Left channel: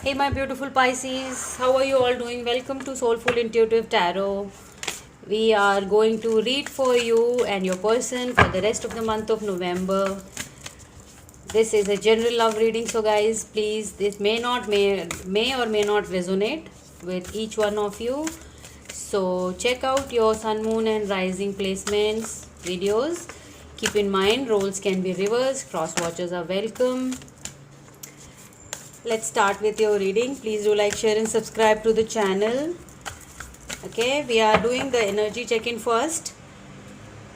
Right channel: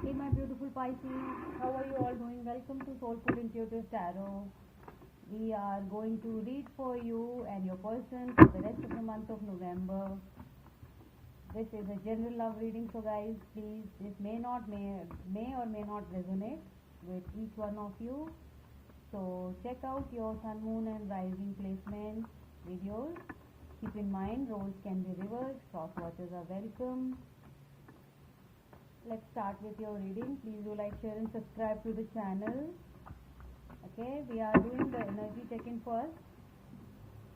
Hey, my beautiful Pisces, how are you all doing? Welcome to Soulful Intuitive Tarot. We are going to read for you and your person for the rest of the month of November. This is a general love reading, so guys, please, this may or may not resonate with each one of you. So check out your sun, moon, and rising placements videos. Keep in mind, roles can be reversed. Cross watchers are welcome. Let's start with your reading. Please do like, share, and subscribe to the channel. Okay, we are doing the energy check-in first.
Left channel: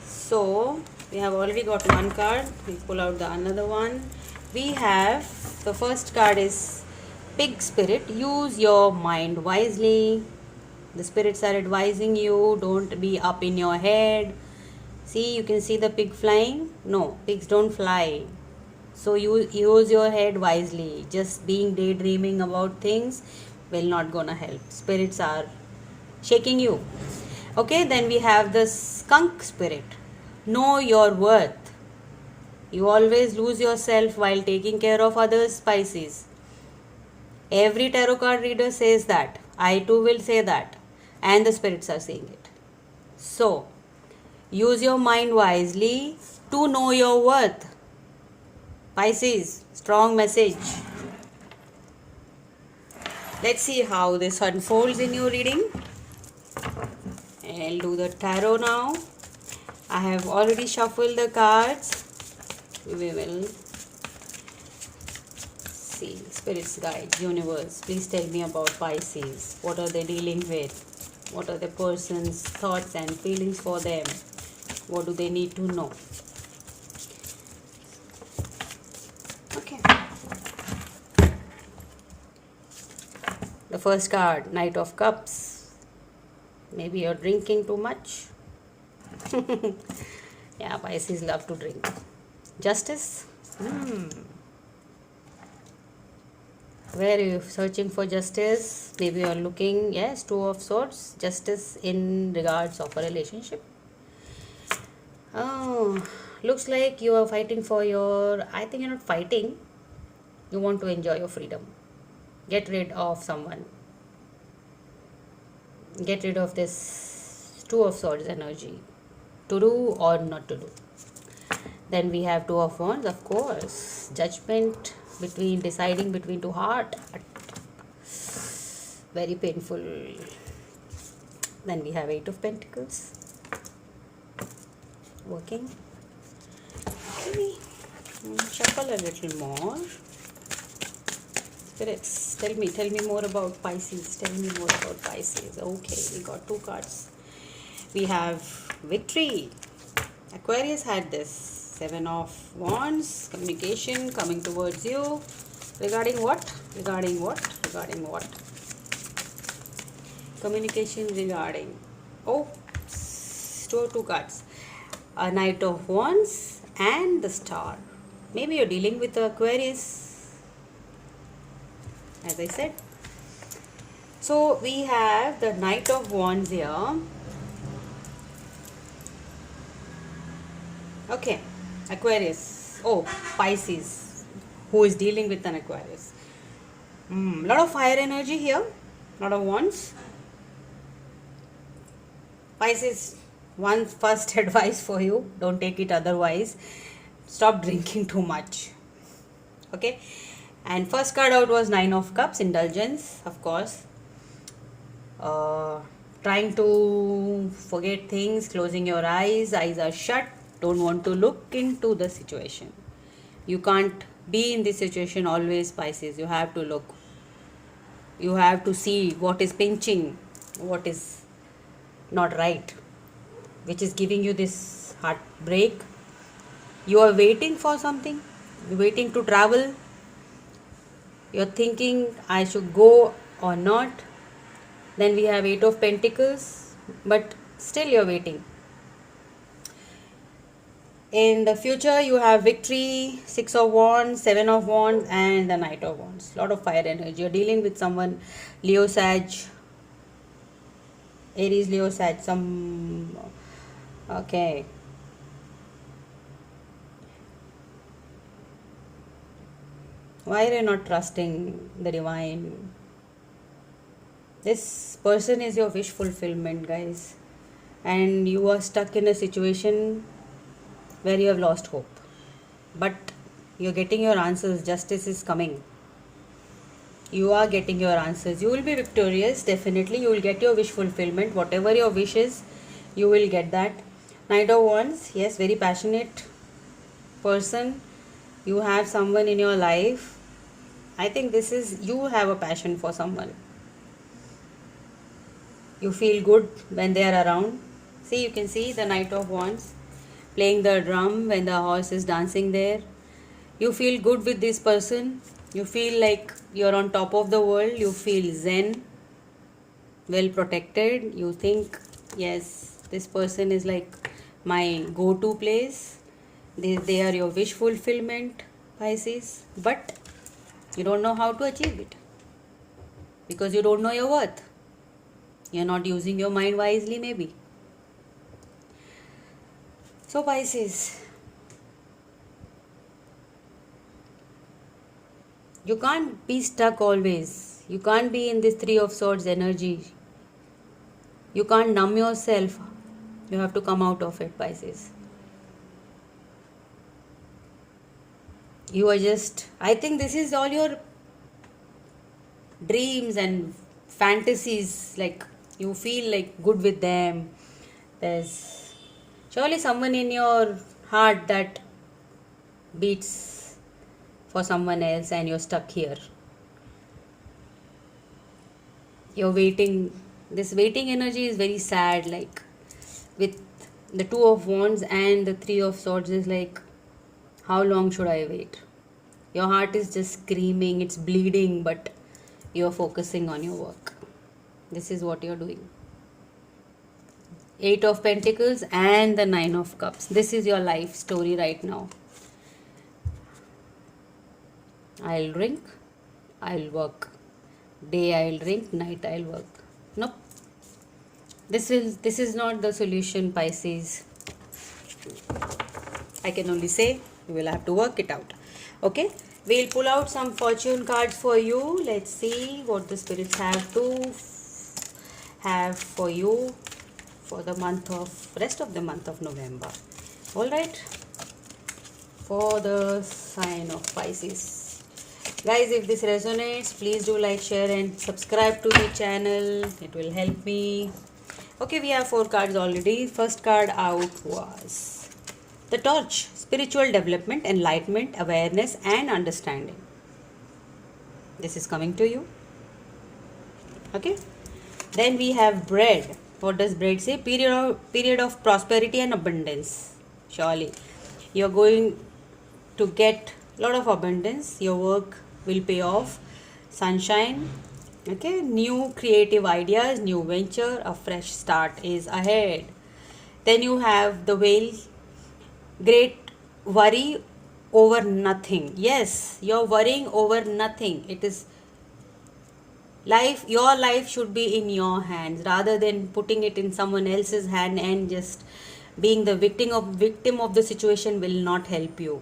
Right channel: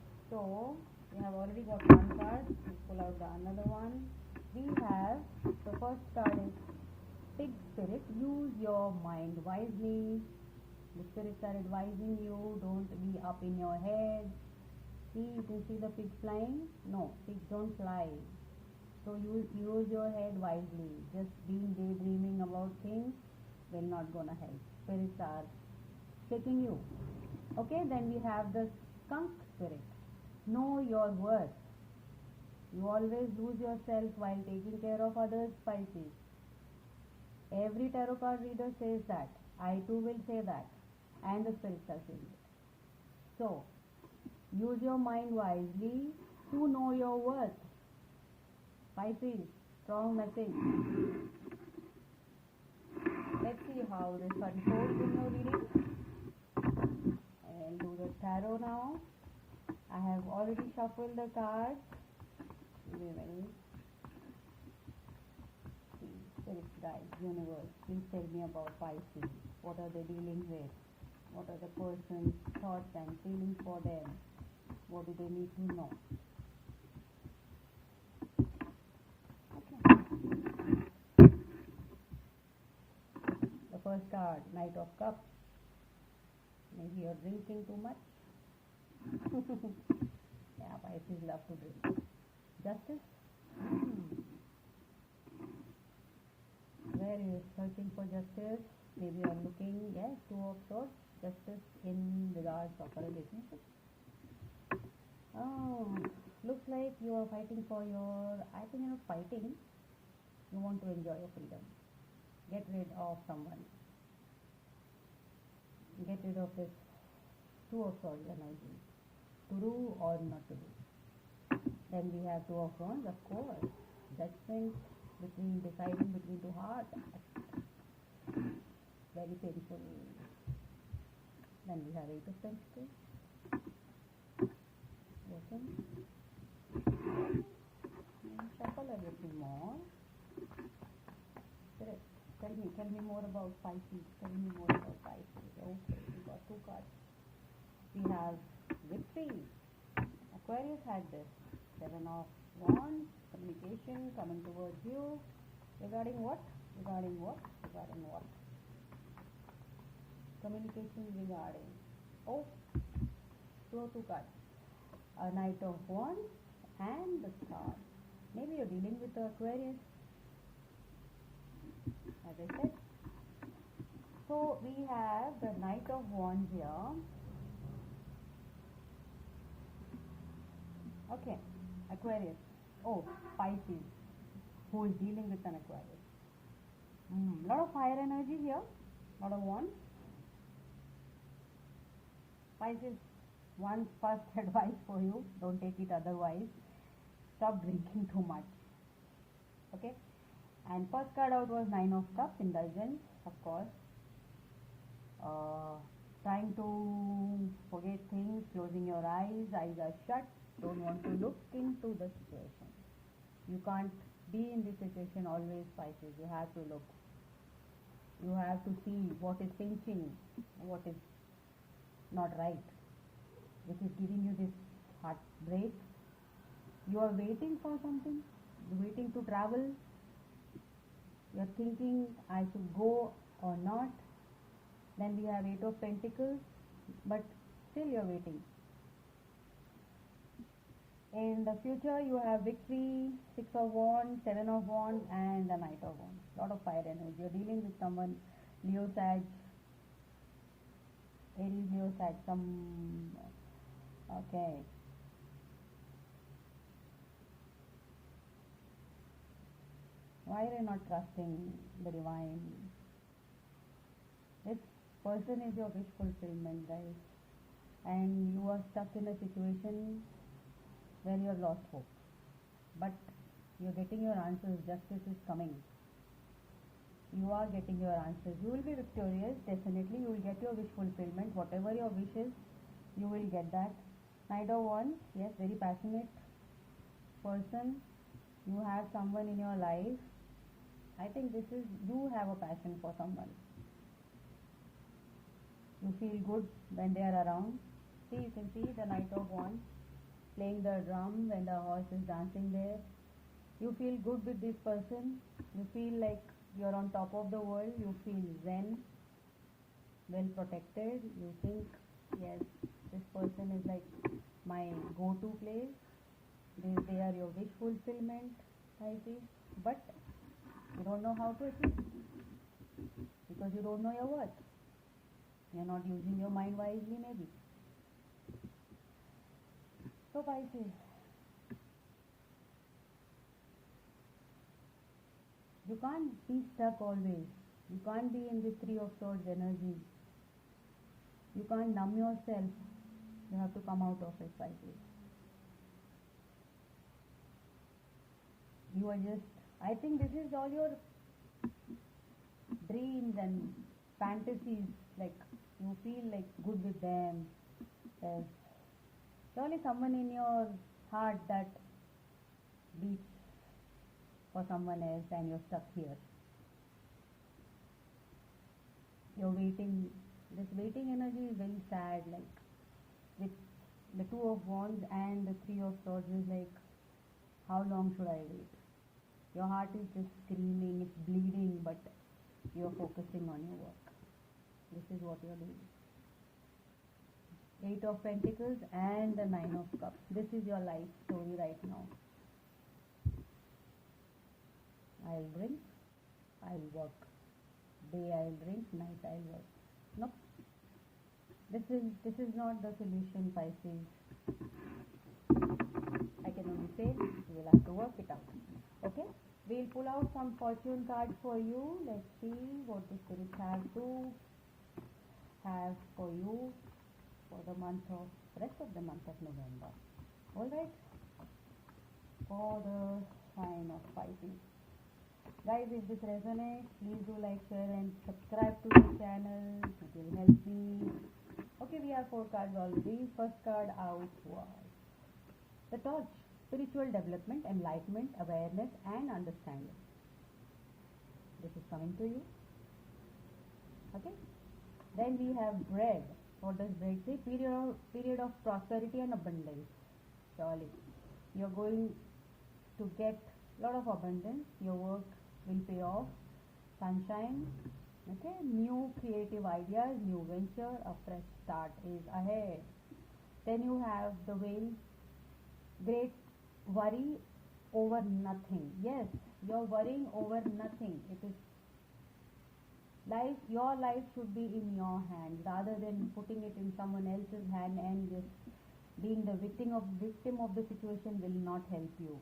So we have already got one card. We pull out the another one. We have the first card is Pig Spirit. Use your mind wisely. The spirits are advising you, don't be up in your head. See, you can see the pig flying. No, pigs don't fly. So you use your head wisely. Just being daydreaming about things will not gonna help. Spirits are shaking you. Okay, then we have the skunk spirit. Know your worth. You always lose yourself while taking care of others, Pisces. Every tarot card reader says that. I too will say that. And the spirits are saying it. So, use your mind wisely to know your worth. Pisces, strong message. Let's see how this unfolds in your reading. I'll do the tarot now. I have already shuffled the cards. We will see. Spirits, guide, universe. Please tell me about Pisces. What are they dealing with? What are the person's thoughts and feelings for them? What do they need to know? Okay. The first card, Knight of Cups. Maybe you're drinking too much. Yeah, Pisces love to drink. Justice. Where are you searching for justice? Maybe you're looking, yes, Two of Swords. Justice in regards of a relationship. Oh, looks like you are fighting for your, I think you're not fighting. You want to enjoy your freedom. Get rid of someone. Get rid of this Two of Swords energy. To do or not to do. Then we have Two of Wands, of course. Judgment between deciding between two hearts. Very painful. Then we have Eight of Pentacles. Working. Maybe shuffle a little more. Spirits, tell me more about Pisces. Tell me more about Pisces. Okay, we got two cards. We have Victory. Aquarius had this. Seven of Wands. Communication coming towards you. Regarding what? Regarding what? Regarding what? Communication regarding. Oh, two cards. A Knight of Wands and the Star. Maybe you're dealing with Aquarius, as I said. So we have the Knight of Wands here. Okay, Aquarius. Oh, Pisces, who is dealing with an Aquarius. Lot of fire energy here. Lot of wands. Pisces, one first advice for you. Don't take it otherwise. Stop drinking too much. Okay. And first card out was Nine of Cups. Indulgence, of course. Trying to forget things. Closing your eyes. Eyes are shut. Don't want to look into the situation. You can't be in this situation always, Pisces. You have to look. You have to see what is pinching, what is not right, which is giving you this heartbreak. You are waiting for something. You're waiting to travel. You're thinking, I should go or not. Then we have Eight of Pentacles, but still you're waiting. In the future, you have Victory, Six of Wands, Seven of Wands, and the Knight of Wands. Lot of fire energy. You're dealing with someone, Leo, Sag, Aries, Leo, Sag, some. Okay. Why are you not trusting the divine? This person is your wish fulfillment, guys. And you are stuck in a situation where you have lost hope. But you're getting your answers. Justice is coming. You are getting your answers. You will be victorious. Definitely, you will get your wish fulfillment. Whatever your wish is, you will get that. Knight of Wands. Yes, very passionate person. You have someone in your life. I think this is, you have a passion for someone. You feel good when they are around. See, you can see the Knight of Wands playing the drum when the horse is dancing there. You feel good with this person. You feel like you're on top of the world. You feel zen, well protected. You think, yes, this person is like my go-to place. They are your wish fulfillment, Pisces. But you don't know how to achieve it because you don't know your worth. You're not using your mind wisely, maybe. So, Pisces, you can't be stuck always. You can't be in this Three of Swords energy. You can't numb yourself. You have to come out of it, Pisces. You are just, I think this is all your dreams and fantasies. Like, you feel like good with them. There's surely someone in your heart that beats for someone else and you're stuck here. You're waiting. This waiting energy is very sad. Like, with the Two of Wands and the Three of Swords is like, how long should I wait? Your heart is just screaming, it's bleeding, but you're focusing on your work. This is what you're doing. Eight of Pentacles and the Nine of Cups. This is your life story right now. I'll drink, I'll work. Day I'll drink, night I'll work. Nope. This is not the solution, Pisces. I can only say you will have to work it out. Okay, we'll pull out some fortune cards for you. Let's see what the spirits have for you for the rest of the month of November. All right, for the sign of Pisces. Guys, if this resonates, please do like, share and subscribe to the channel. It will help me. Okay, we have 4 cards already. First card out was the Torch. Spiritual development, enlightenment, awareness and understanding. This is coming to you. Okay. Then we have bread. What does bread say? Period of prosperity and abundance. Surely you're going to get a lot of abundance. Your work will pay off. Sunshine. Okay. New creative ideas, new venture, a fresh start is ahead. Then you have the Whale. Great worry over nothing. Yes, you're worrying over nothing. It is life. Your life should be in your hands rather than putting it in someone else's hand and just being the victim of the situation will not help you.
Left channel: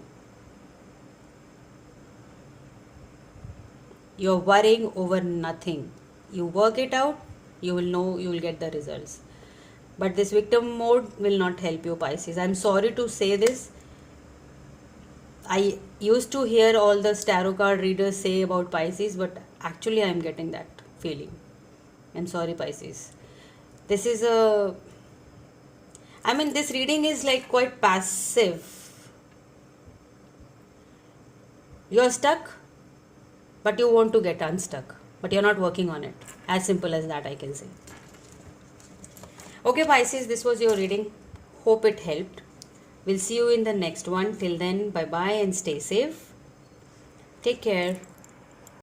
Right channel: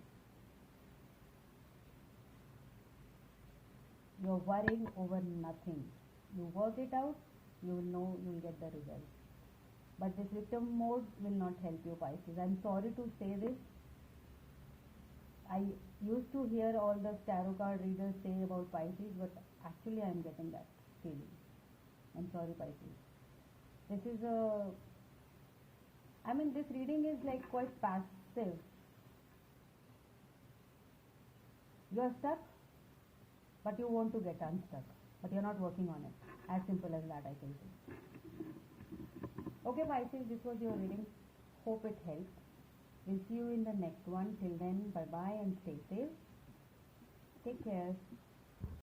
You're worrying over nothing. You work it out, you will know, you will get the results. But this victim mode will not help you, Pisces. I'm sorry to say this. I used to hear all the tarot card readers say about Pisces, but actually I'm getting that feeling. I'm sorry, Pisces. This is this reading is like quite passive. You're stuck, but you want to get unstuck, but you're not working on it. As simple as that, I can say. Okay, Pisces, this was your reading. Hope it helped. We'll see you in the next one. Till then, bye-bye and stay safe. Take care.